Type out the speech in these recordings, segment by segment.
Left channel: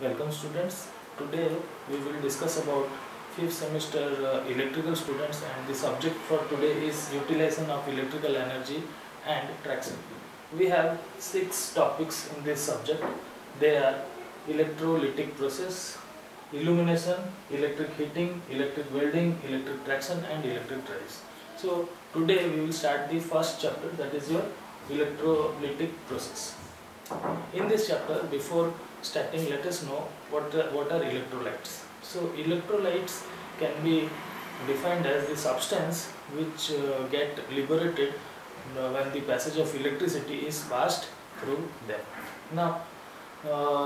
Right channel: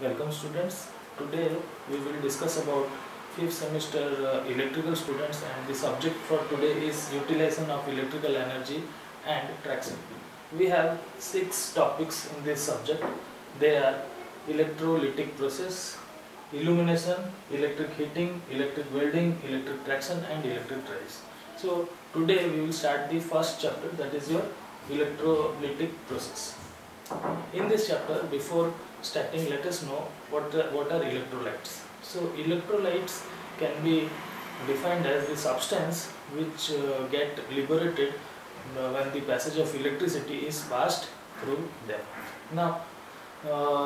Welcome students. Today we will discuss about 5th semester electrical students, and the subject for today is utilization of electrical energy and traction. We have 6 topics in this subject. They are electrolytic process, illumination, electric heating, electric welding, electric traction and electric drives. So today we will start the first chapter, that is your electrolytic process. In this chapter, before starting, let us know what are electrolytes. So electrolytes can be defined as the substance which get liberated when the passage of electricity is passed through them. Now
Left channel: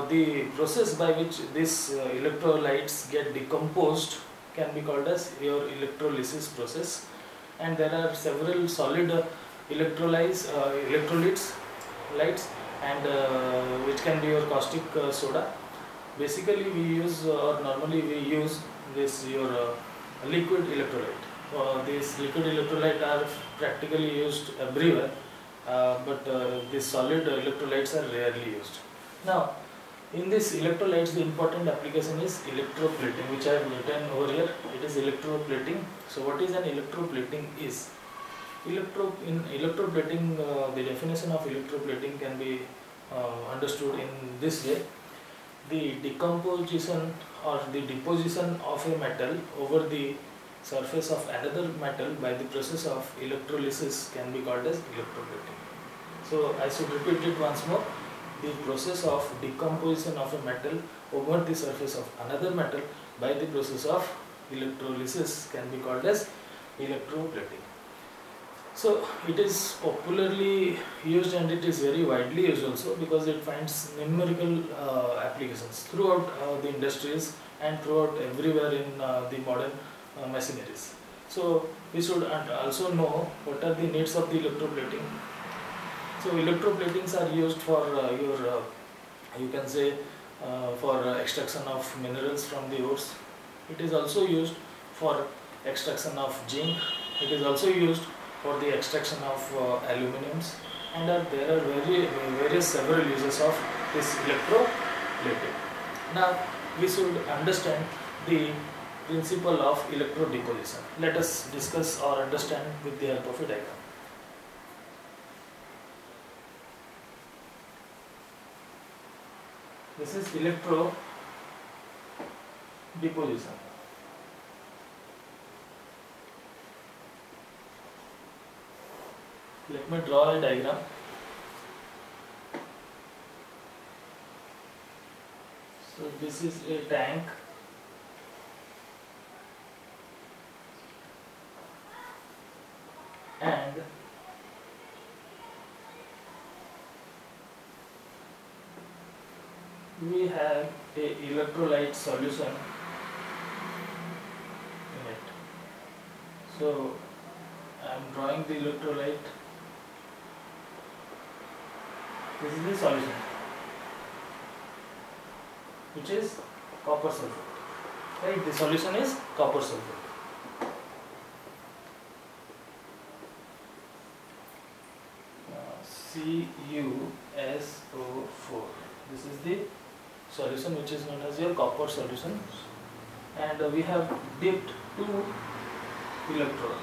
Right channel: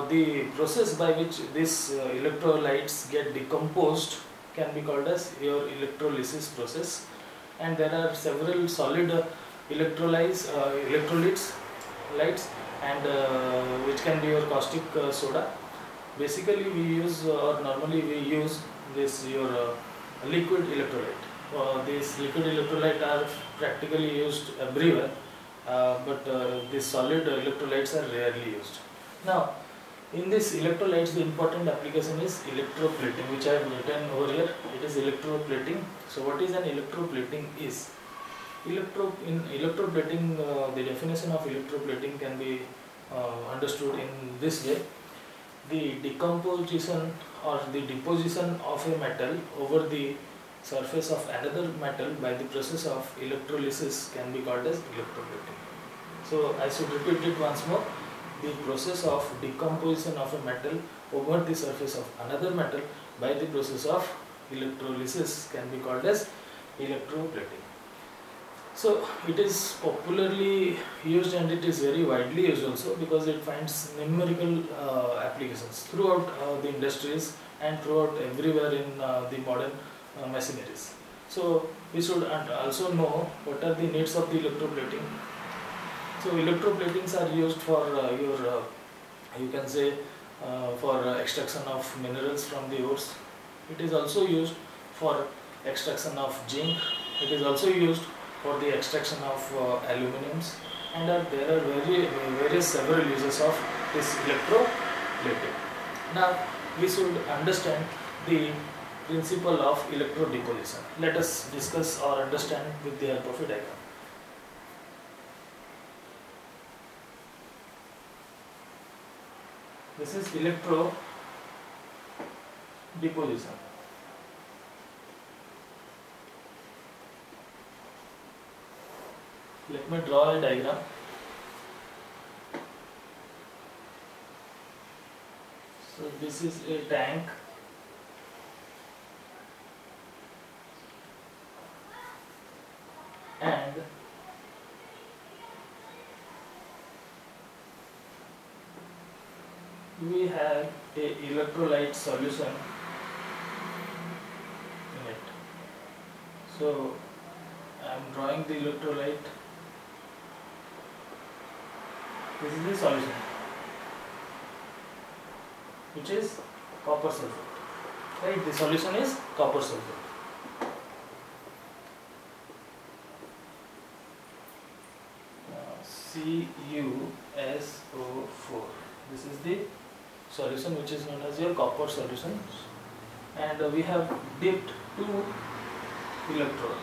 the process by which these electrolytes get decomposed can be called as your electrolysis process, and there are several solid electrolytes and which can be your caustic soda. Basically we use normally we use this your liquid electrolyte. These liquid electrolyte are practically used everywhere, but these solid electrolytes are rarely used. Now in this electrolytes, the important application is electroplating, which I have written over here. It is electroplating. So what is an electroplating is? In electroplating, the definition of electroplating can be understood in this way. The decomposition or the deposition of a metal over the surface of another metal by the process of electrolysis can be called as electroplating. So I should repeat it once more. The process of decomposition of a metal over the surface of another metal by the process of electrolysis can be called as electroplating. So it is popularly used and it is very widely used also, because it finds numerical applications throughout the industries and throughout everywhere in the modern machineries. So we should also know what are the needs of the electroplating. So electroplatings are used for you can say for extraction of minerals from the ores. It is also used for extraction of zinc. It is also used for the extraction of aluminiums, and there are various several uses of this electroplating. Now we should understand the principle of electrodeposition. Let us discuss or understand with the help of a diagram. This is electrodeposition. Let me draw a diagram. So this is a tank, and we have a electrolyte solution in it. So I am drawing the electrolyte. This is the solution, which is copper sulfate. Right? The solution is copper sulfate. CuSO4. This is the solution which is known as your copper solution, and we have dipped 2 electrodes.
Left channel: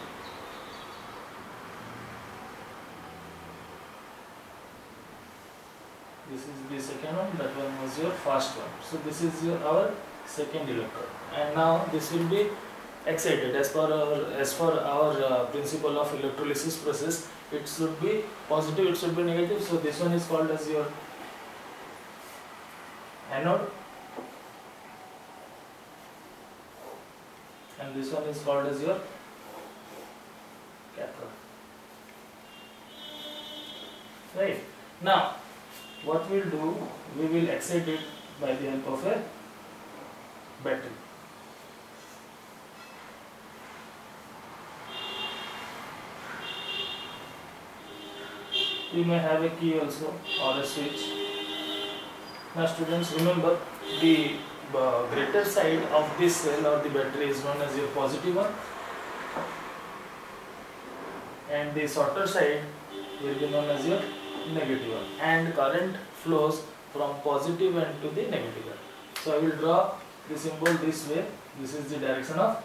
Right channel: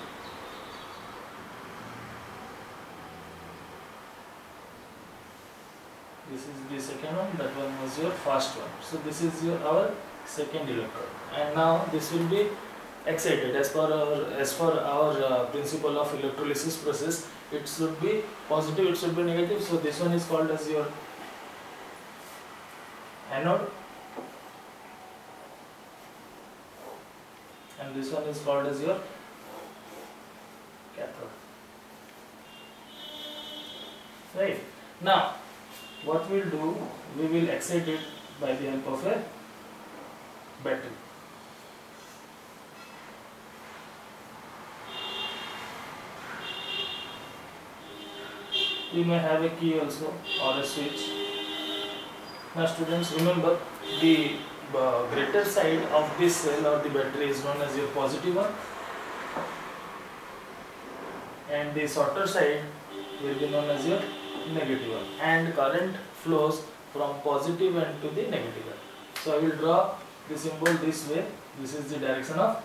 This is the second one, that one was your first one. So this is our second electrode, and now this will be excited as per our principle of electrolysis process. It should be positive, it should be negative. So this one is called as your anode, and this one is called as your cathode. Right? Now what we will do, we will excite it by the help of a battery. You may have a key also or a switch. Now students, remember, the greater side of this cell or the battery is known as your positive one, and the shorter side will be known as your negative one, and current flows from positive end to the negative end. So I will draw the symbol this way. This is the direction of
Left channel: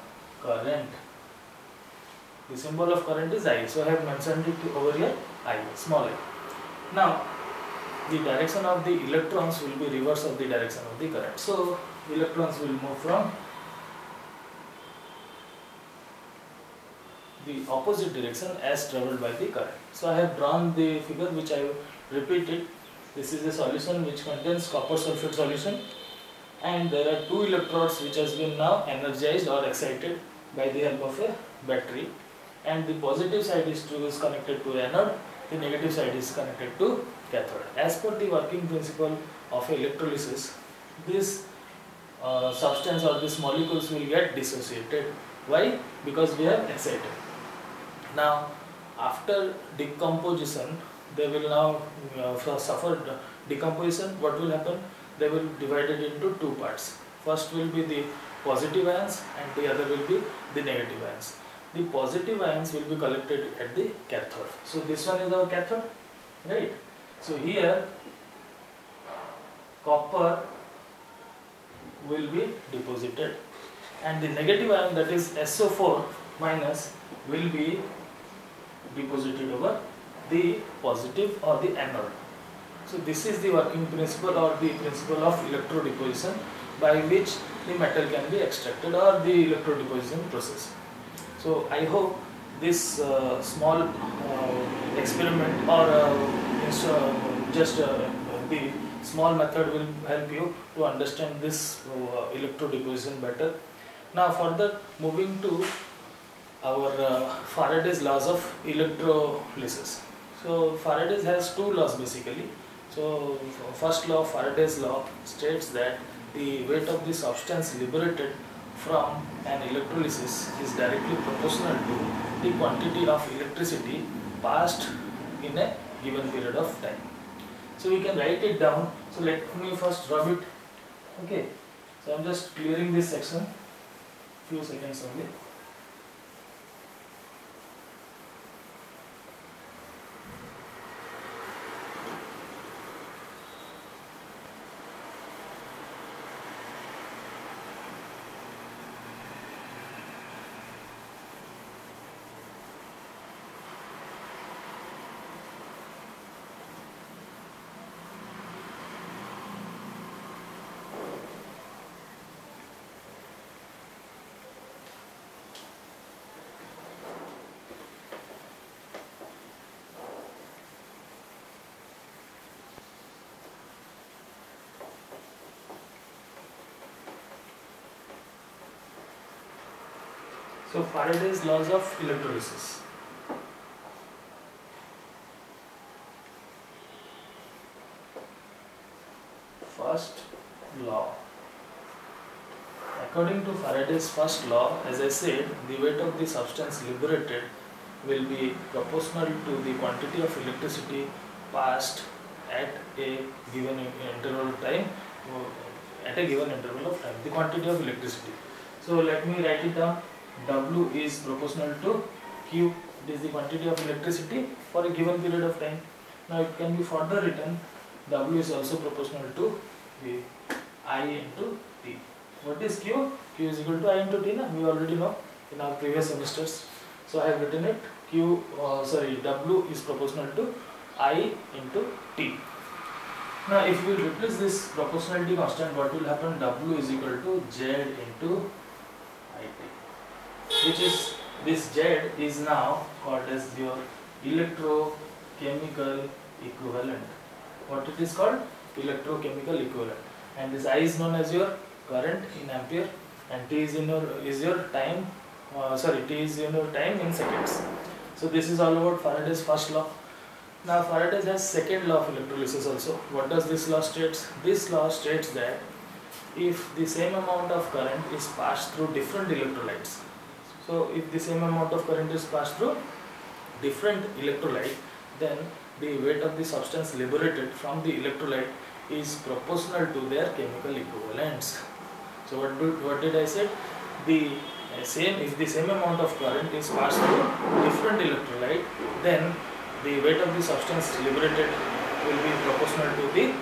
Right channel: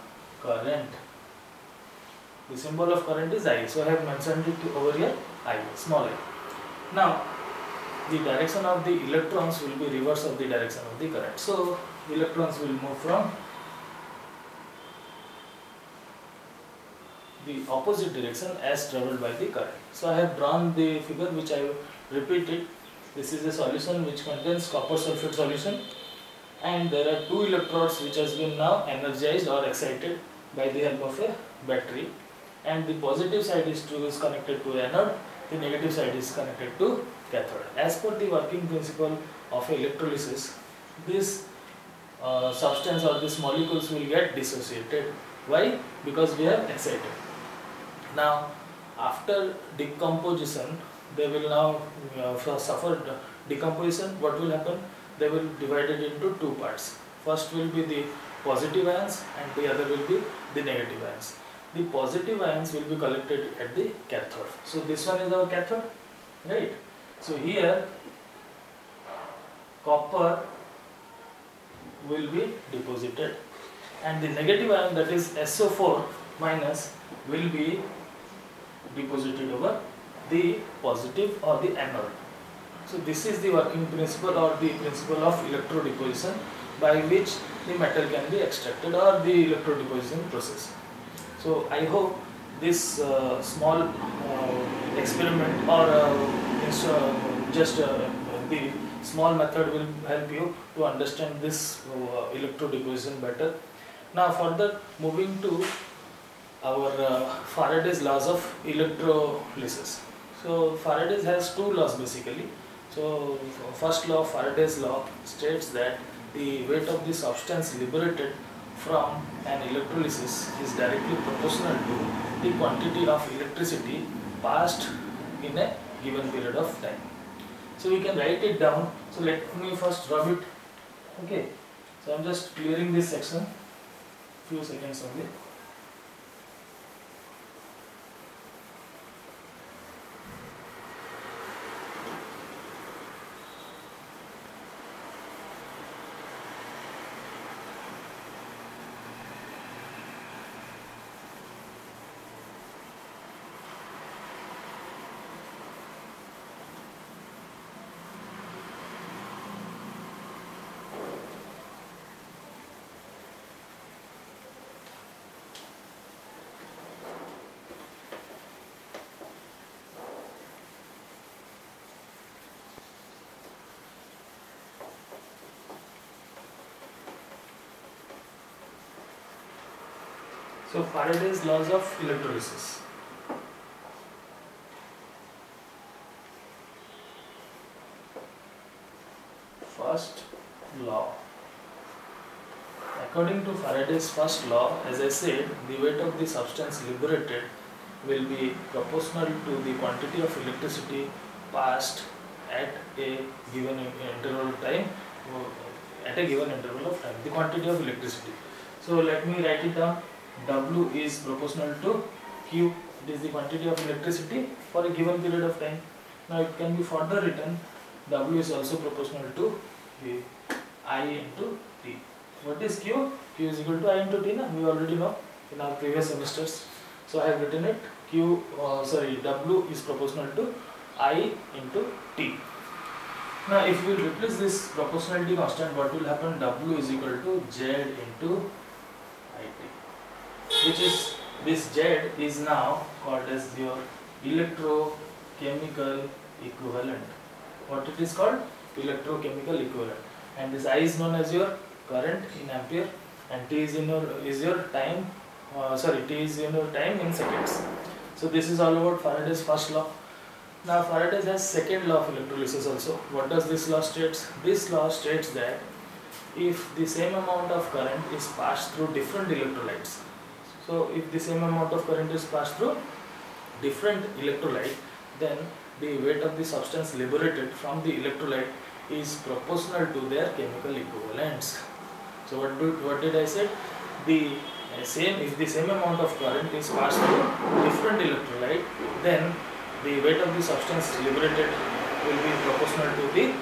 current. The symbol of current is I. So I have mentioned it over here, I, small I. Now the direction of the electrons will be reverse of the direction of the current. So electrons will move from the opposite direction as travelled by the current. So I have drawn the figure which I repeated. This is a solution which contains copper sulfate solution, and there are two electrodes which has been now energized or excited by the help of a battery, and the positive side is connected to anode, the negative side is connected to cathode. As per the working principle of electrolysis, this substance or these molecules will get dissociated. Why? Because we have excited. Now after decomposition, they will now suffer decomposition. What will happen? They will be divided into two parts. First will be the positive ions and the other will be the negative ions. The positive ions will be collected at the cathode. So this one is our cathode, right? So here copper will be deposited, and the negative ion, that is SO4 minus, will be deposited over the positive or the anode. So this is the working principle or the principle of electrodeposition, by which the metal can be extracted, or the electrodeposition process. So I hope this small experiment or just the small method will help you to understand this electrodeposition better. Now further moving to our Faraday's laws of electrolysis. So Faraday has two laws basically. So first law, Faraday's law, states that the weight of the substance liberated from an electrolysis is directly proportional to the quantity of electricity passed in a given period of time. So we can write it down. So let me first rub it. Okay. So I am just clearing this section. Few seconds only. So Faraday's laws of electrolysis. First law. According to Faraday's first law, as I said, the weight of the substance liberated will be proportional to the quantity of electricity passed at a given interval of time, the quantity of electricity. So let me write it down. W is proportional to Q. It is the quantity of electricity for a given period of time. Now it can be further written. W is also proportional to I into T. What is Q? Q is equal to I into T. Na? We already know in our previous semesters. So I have written it. W is proportional to I into T. Now if we replace this proportionality constant, what will happen? W is equal to Z into IT, which is, this Z is now called as your electrochemical equivalent. What it is called? Electrochemical equivalent. And this I is known as your current in ampere, and T is your time. T is your time in seconds. So this is all about Faraday's first law. Now Faraday has second law of electrolysis also. What does this law states? This law states that if the same amount of current is passed through different electrolytes, so if the same amount of current is passed through different electrolyte, then the weight of the substance liberated from the electrolyte is proportional to their chemical equivalents. So what did I say? If the same amount of current is passed through different electrolyte, then the weight of the substance liberated will be proportional to the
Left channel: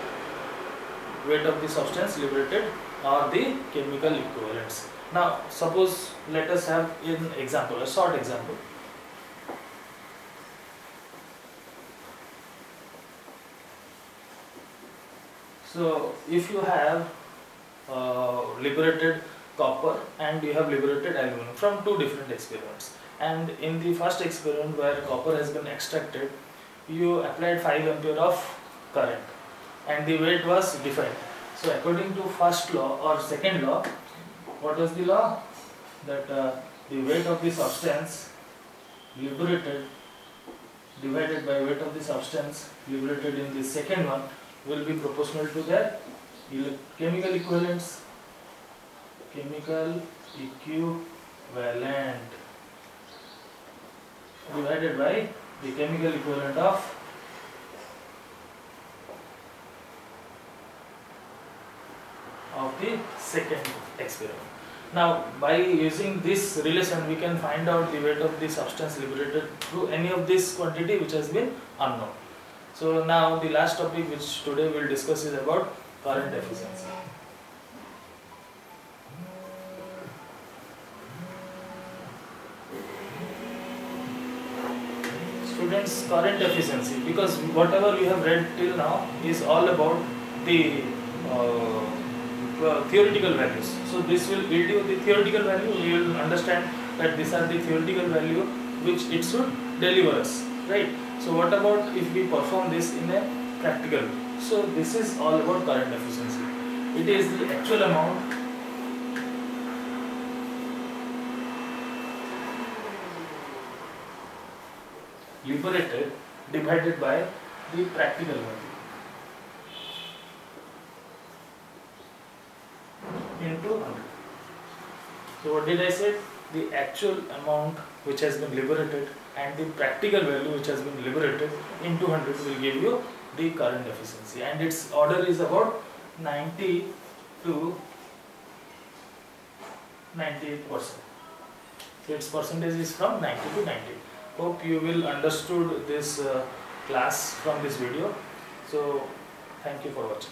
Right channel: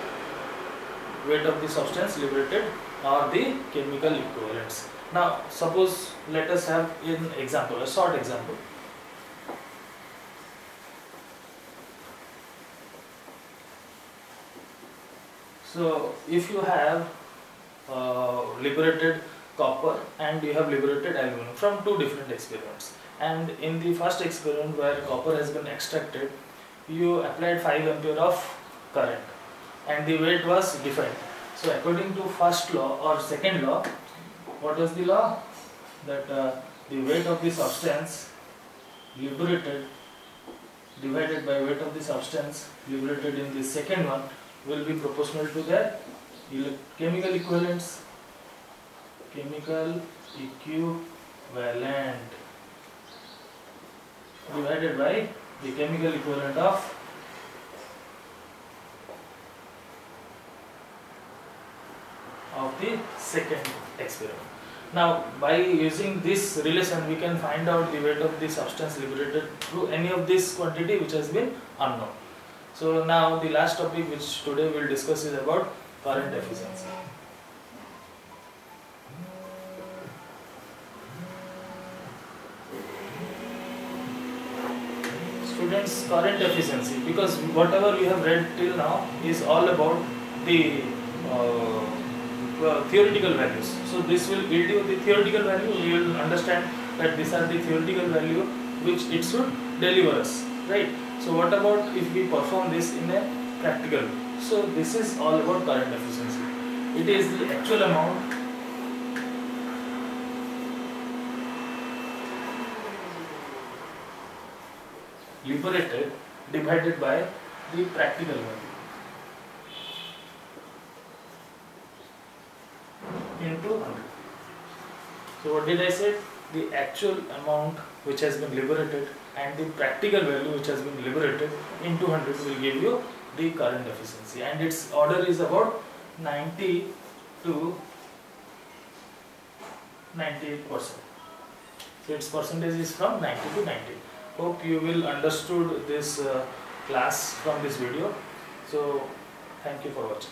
weight of the substance liberated or the chemical equivalents. Now suppose let us have an example, a short example. So if you have liberated copper and you have liberated aluminum from two different experiments, and in the first experiment where copper has been extracted, you applied 5 ampere of current and the weight was defined. So according to first law or second law, what was the law? That the weight of the substance liberated divided by weight of the substance liberated in the second one will be proportional to their chemical equivalents. Chemical equivalent divided by the chemical equivalent of the second experiment. Now by using this relation we can find out the weight of the substance liberated through any of this quantity which has been unknown. So now the last topic which today we will discuss is about current efficiency. Students, current efficiency, because whatever you have read till now is all about the theoretical values. So this will yield you the theoretical value. You will understand that these are the theoretical value which it should deliver us, right? So what about if we perform this in a practical way? So this is all about current efficiency. It is the actual amount liberated divided by the practical value into 100. So what did I say? The actual amount which has been liberated and the practical value which has been liberated into 100 will give you the current efficiency, and its order is about 90 to 98%. So its percentage is from 90 to 90. Hope you will understood this class from this video. So thank you for watching.